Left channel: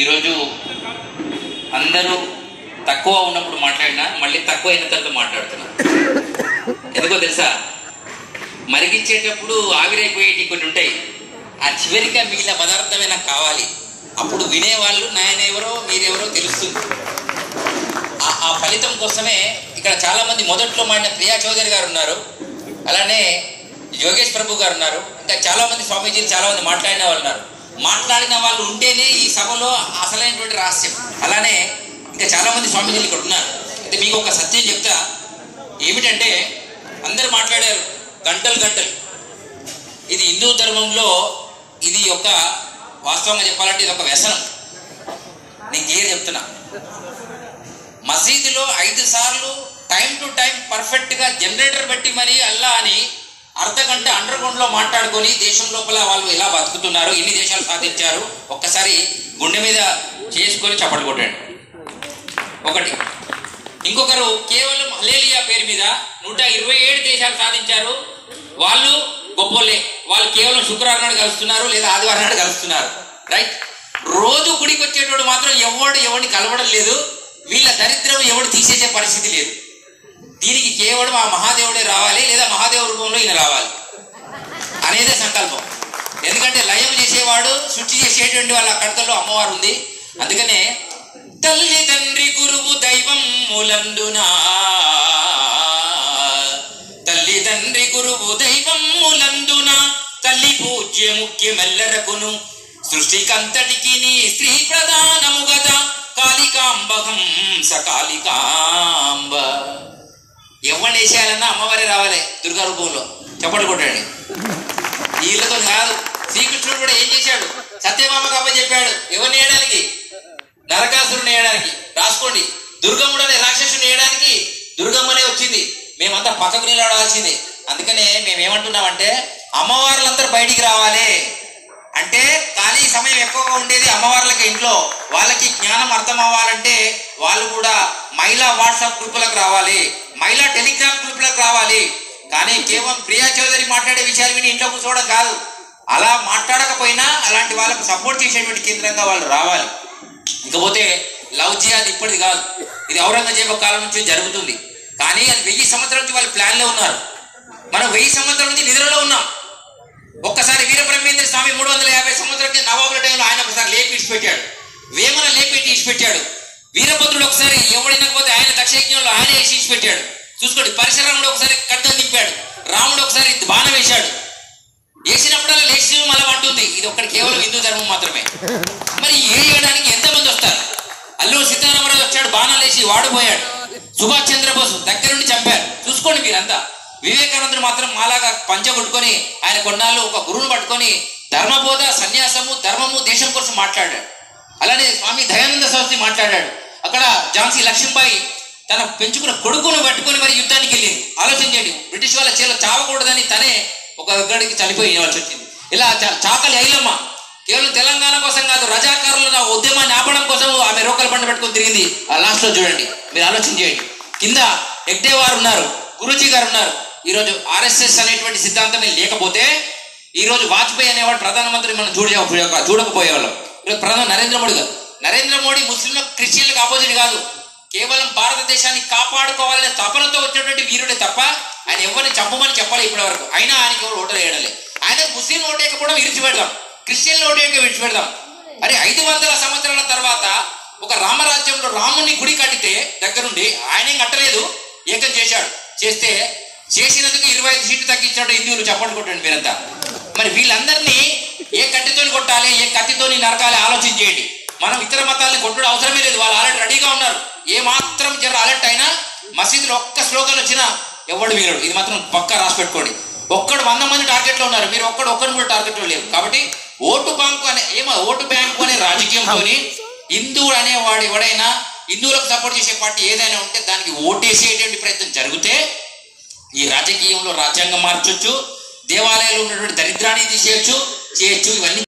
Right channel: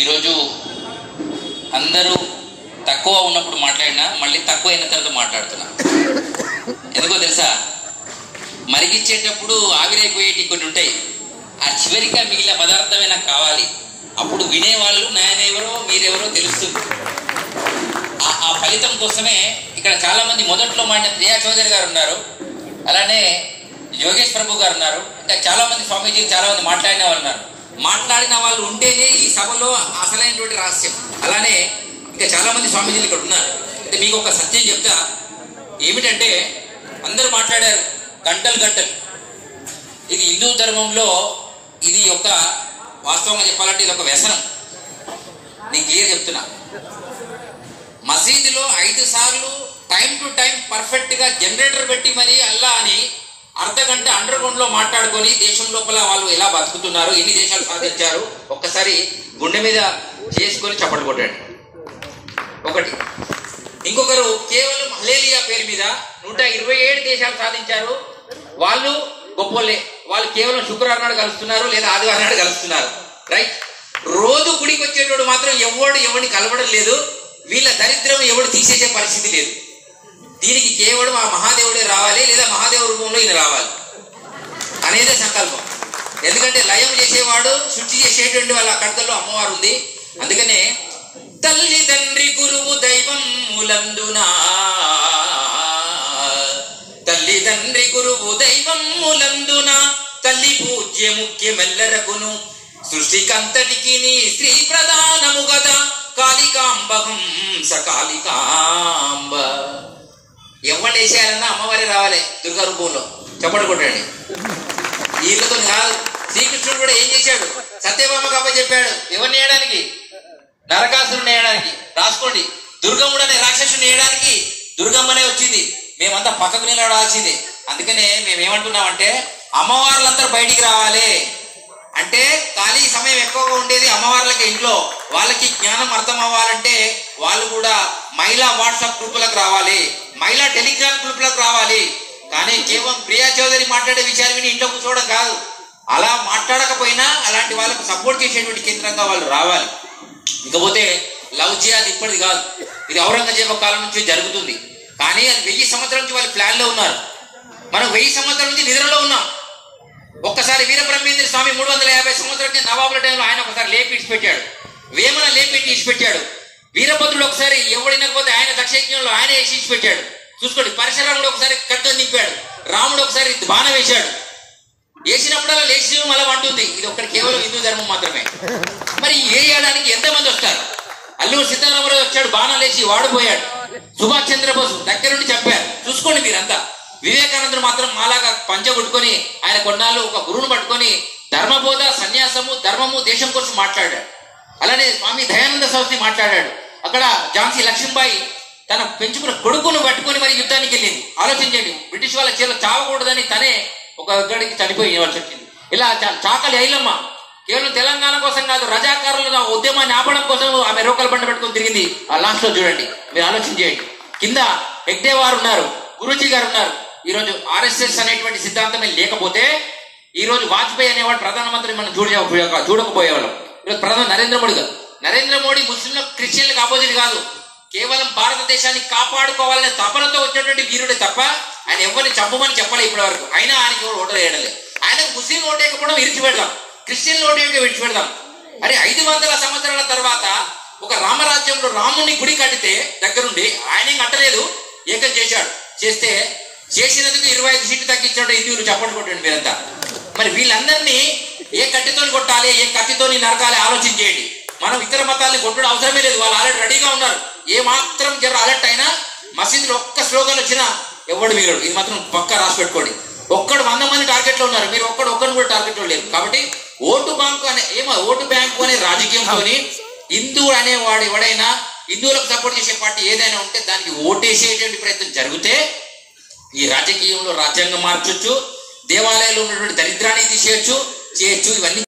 ఈరోజు అందరూ తక్కువ ఉన్నప్పుడు మాట్లాడినా మళ్ళీ తక్కువ అయిన తర్వాత మాట్లాడుతున్నా. ఎందుకో తెలుసా, మరిగించేటప్పుడు ఆవిరైపోయేటి కొన్ని ఉంటాయి. ఆ చివరిగా మిగిలిన పదార్థమే నాకు కావాలి. అప్పుడు వినేవాళ్ళు నాయనెవరో మీరెవరో తెలుస్తుంది. ఆ ఫలితం కోసమే ఇక్కడ చాలా మంది మొదట్లో మాట్లాడిన ప్రియా చౌదరి గారు ఉన్నారు, అలానే యోగేష్ ప్రభు గారు ఉన్నారు, ఇంకా చాలా మంది స్వామీజీలు చాలా మంది మాట్లాడిన వాళ్ళు ఉన్నారు. మాట్లాడిన వాళ్ళు ఉంటేనే ఈ సభలో అసలైనటువంటి రహస్యం. అలానే ఇంకా చాలా మంది స్వామీజీలు ఇక్కడ ఉన్నారు. అంటే మీకు ఒక సత్యం చెప్తా, ఏమిటంటే అందరూ మాట్లాడారు గంటలు గంటలు. ఇది హిందూ ధర్మంలో ఇది ఒక వాస్తవంగా చెప్పాలంటే ఇది ఒక వ్యసనం. నేను క్లియర్ చెప్తున్నా. మసీదులో 5 సార్లు టైం టు టైం పర్ఫెక్ట్ గా జనరేటర్ పెట్టి మరి అల్లా అని అర్ధగంట అండర్ గ్రౌండ్ లో మాట్లాడుకొని దేశం లోపల వాళ్ళు ఎలా బతుకుతున్నారు, ఎన్ని దేశాలు సాధించారు ఒక్కసారి గుండె మీద చేసుకొని చప్పట్లు కొట్టాడు. ఒకటి. ఇంకొకరు కేవలం హల్లెలూయా పేరు మీద 127 దేశాలు సాధించారు. వాళ్ళు గొప్పలే, వాళ్ళు కేవలం శుక్రవారం నాడు కలుస్తున్నారు లేదా ఆదివారం నాడు కలుస్తున్నారు. రైట్. రోజు గుడికి వచ్చేటోడు మాత్రం ఎవరిని కలవడం లేదు. వీళ్ళ దరిద్రం ఎవడు తీసేసే పరిస్థితి లేదు. దీనికి కేవలం ఆ మహాదేవుడే రావాలి లేదా మహాదేవ రూపంలో ఈయన రావాలి అనేదే సంకల్పం. ఎందుకంటే లయం చేసేవాడు శుచి చేసేటువంటి వాళ్ళ కడతల్లో అమ్మవారు ఉంది. అందుకనే తల్లి తండ్రి గురువు దైవం ములందునా, తల్లి తండ్రి గురువు దైవం ములందునా, తల్లి పూజ్య ముఖ్యమెల్లరకును సృష్టికంతటికి నీ స్త్రీ ప్రధానము గదా, కాళికాంబహం సకాళికాంబ. ఎవరిని వేసేయాలన్నా అమ్మవారే రావాలి దుర్గా రూపంలో. చెప్పండి కొట్టండి. వీళ్ళతో కాదు. శ్రీకృష్ణుడు కూడా ఏం చేశాడు, సత్యభామకు అప్ప చెప్పాడు ఎవరిని వేయడానికి, నరకాసురుని వేయడానికి. రాసుకోండి. దుర్గమ్ముడు అనే రాక్షసుని వేయడానికి దుర్గమ్మనే వచ్చింది. మేమంతా పక్కకు నిలబడాల్సిందే. అందుకనే మేమేమంటున్నామంటే అమ్మవార్లందరూ బయటికి రావాలి. అంటే ఖాళీ సమయం ఎక్కువగా ఉండేది అమ్మవార్లకి ఇంట్లో. వాళ్ళకి జ్ఞానం అర్థం అవ్వాలంటే వాళ్ళు కూడా మహిళా వాట్సాప్ గ్రూపులకు రావాలి, మహిళా టెలిగ్రామ్ గ్రూపులకు రావాలి. కానీ కేవలం ప్రియా చౌదరి మాట్లాడే విషయాలు విని ఇంట్లో కూర్చోవడం కాదు. అలా మాట్లాడకపోయినా అలాంటి వాళ్ళకు సపోర్ట్ చేసేటువంటి కేంద్రంగా వాళ్ళు రావాలి. ఇకపోతే లవ్ జిహాద్ ఇప్పటిది కాదు, ఇది ఔరంగజేబు కాలం నుంచి జరుగుతుంది. కానీ అది 1000 సంవత్సరాల నుంచి వాళ్ళు ప్లాన్ లో ఉన్నారు. మనం 1000 సంవత్సరాల నుంచి నిద్రలో ఉన్నాం. ఒక్కసారి వీరబ్రహ్మేంద్ర స్వామి 350 సంవత్సరాల నవాబుల టైంలో ఆయన ఒకసారి లేపి ఇచ్చిపెట్టాడు, వేమన లేపెట్టి ఇచ్చిపెట్టాడు. వీరభద్రుడు ఒకసారి ఎవడినకపోతే ఆయన దక్షయజ్ఞంలో ఆయన వేసి ఇచ్చిపెట్టాడు. చూసుకోండి. పరశురాముడు ఒకసారి ఖడ్గం దింపాడు, రాముడు ఒకసారి బాణం వేశాడు. వేసినప్పుడల్లా లేచి మళ్ళీ అంటుంది. ఇది ఒక్కటి కేవలం హిందూ ధర్మం మాత్రమే. మరి వేయడానికి ఎంతమంది వస్తారు? అల్లూరు సీతారామరాజు వచ్చాడు, బాణం లేచి వాడిపోయాడు. సుభాష్ చంద్రబోస్ దగ్గర నుండి చంపారు. చూసుకోండి మీరంతా. వివేకానందుడు మాత్రం మాలాగా పంచ కొట్టుకొని ఆయన కొన్నాళ్ళు ఒక గురువును పట్టుకొని ధర్మబోధ, సన్యాసము, ధర్మము, దేశం కోసం మాట్లాడాడు. అలానే స్వామి దయానంద సరస్వతి మాట్లాడాడు. అక్కడ ఝాన్సీ లక్ష్మీబాయి తన పెంచుకున్న కొడుకును పట్టుకొని మరి యుద్ధానికి వెళ్ళింది. ఆలోచించండి. బ్రిటిష్ వాళ్ళ చేలో చావకూడదని తనే ఒక గడికి చనిపోయి ఇవ్వాల్సి వచ్చింది. ఇలా చాకలి ఐలమ్మ కేవలం తెలంగాణ కోసం కాదు, రజాకారుల ఉద్యమాన్ని ఆపడం కోసం ఆమె రోకల బండి పెట్టుకొని తిరిగింది. ఆ లాస్ట్ లో చూడండి, మీరు ఆలోచించేయండి. కింద హెగ్డే వారు ఉన్నారు, గురూజీ గారు ఉన్నారు. ఈరోజు ఆర్ఎస్ఎస్ అనేటువంటి సిద్ధాంతమే లేకపోతే ఈరోజు వాజ్పేయి అనేవాడు ప్రధానమంత్రి మనం చూడకపోయేవాళ్ళం. ఈరోజు ప్రధాని నరేంద్ర మోడీ ముస్లింలకు క్రిస్టియన్లకు ఆపోజిట్ కాదు. కేవలం భారతదేశాన్ని కాపాడుకోవాలనే తపనతో వచ్చినటువంటి వీరుడే తప్ప ఆయన ఎవరిని చంపమని చెప్పాలి ఇప్పటి వరకు. అయినా ఆయనకి ఎవరు ఓటు వేయడలే. ఆయన ముస్లిం ఓటు వేయకపోవడం విడిచిపెడదాం, క్రిస్టియన్ ఓటు వేయక విడిచిపెడదాం. అరే 500 సంవత్సరాల తర్వాత ఒక రామరాజ్యంలో రాముని గుడి కట్టితే దగ్గరుండి ఆయన ఏం కట్టలేదు, ఏకం చేశాడు. చేసినందుకు 25 సీట్లు తగ్గించాడు హిందువులు. చెప్పండి కొట్టండి మీరంతా. మరి వీళ్ళందరినీ ఏ కత్తితో కొట్టాలి, ఏ కత్తితో నరకాలి ఆలోచించేయండి. మనం ఇతర మతాలని కొట్టడం అవసరమే లేదు. వాళ్ళు ఆల్రెడీ రెడీగా ఉన్నారు. ఏ మాత్రం జర అలర్ట్ అయినా మసీదులో ఒక్క స్లోగన్ వచ్చినా ఎవడు వీరుడు. ఇది మాత్రం పక్క రాసి పెట్టుకోండి. 100 మంది టార్గెట్ లో ఉన్నారు, మీరు ఒక్కరు కూడా టార్గెట్ లో లేరు. కాబట్టి ఓటు బ్యాంకు అనే రాజకీయంతో హిందువుడు అనేవాడు ఎవడైనా, హిందువులకు సపోర్ట్ చేసే పార్టీ ఏదైనా ఉంటే దానికి ఓటేసేటువంటి ప్రయత్నం జరిగితే ఈ రాజకీయంలో రాజ్యాంగం మార్చొచ్చు, దేవాలయాల్లో ఉన్నటువంటి దరిద్రాన్ని తీసేయచ్చు, చేయొచ్చు. ఇవన్నీ